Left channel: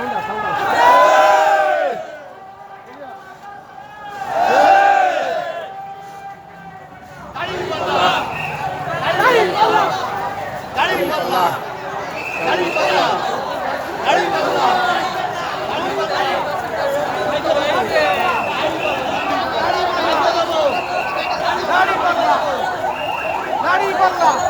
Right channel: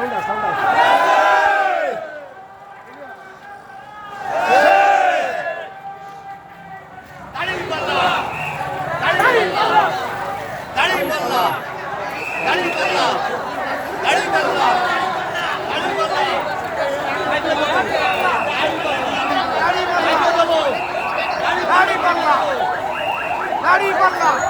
상당 상당 何言ーバンだ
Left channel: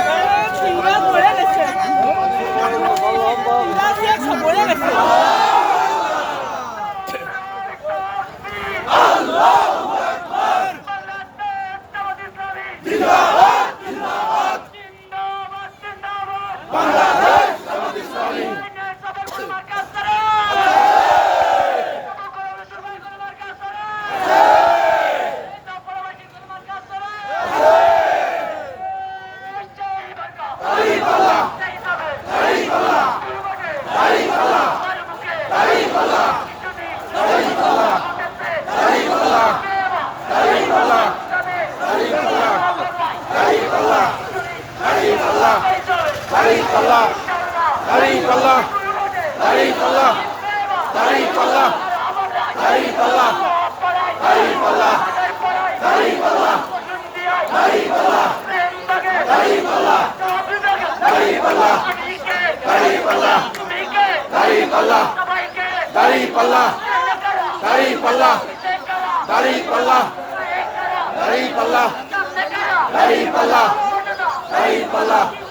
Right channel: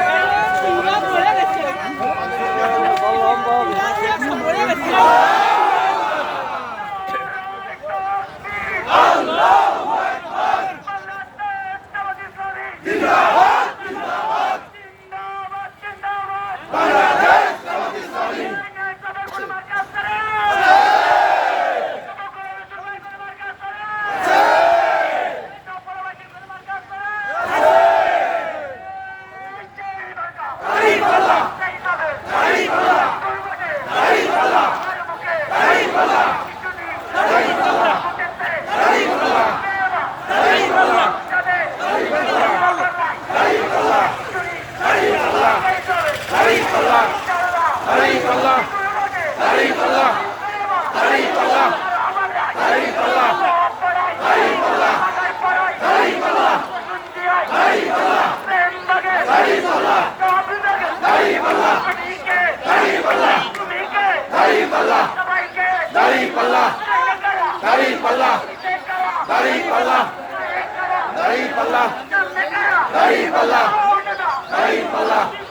পাল্লা দাড়ি পাল্লা দাড়ি পাল্লা দাড়ি পাল্লা দাড়ি পাল্লা দাড়ি পাল্লা দাড়ি পাল্লা দাড়ি পাল্লা দাড়ি পাল্লা দাড়ি পাল্লা দাড়ি পাল্লা দাড়ি পাল্লা দাড়ি পাল্লা দাড়ি পাল্লা দাড়ি পাল্লা দাড়ি পাল্লা দাড়ি পাল্লা দাড়ি পাল্লা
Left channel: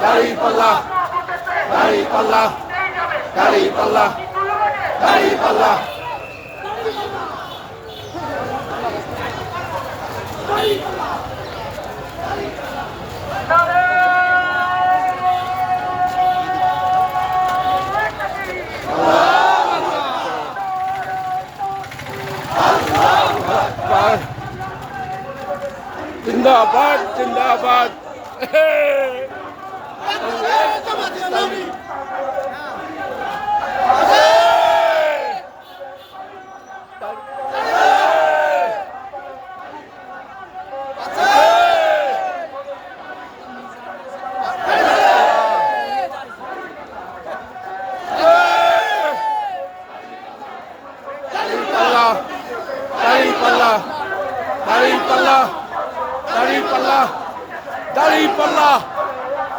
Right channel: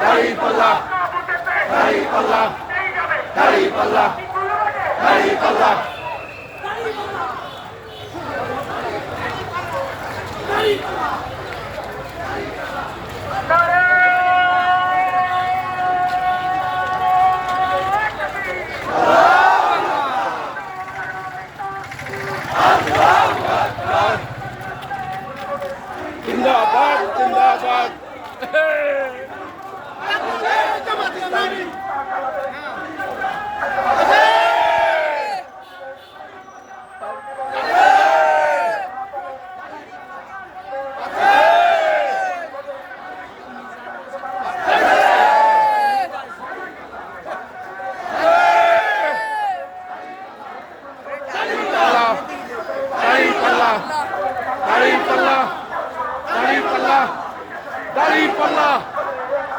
দাড়ি পাল্লা দাড়ি পাল্লা দাড়ি পাল্লা দাড়ি পাল্লা দাড়ি পাল্লা দাড়ি Dari Pallah! Dari Pallah! Dari Pallah!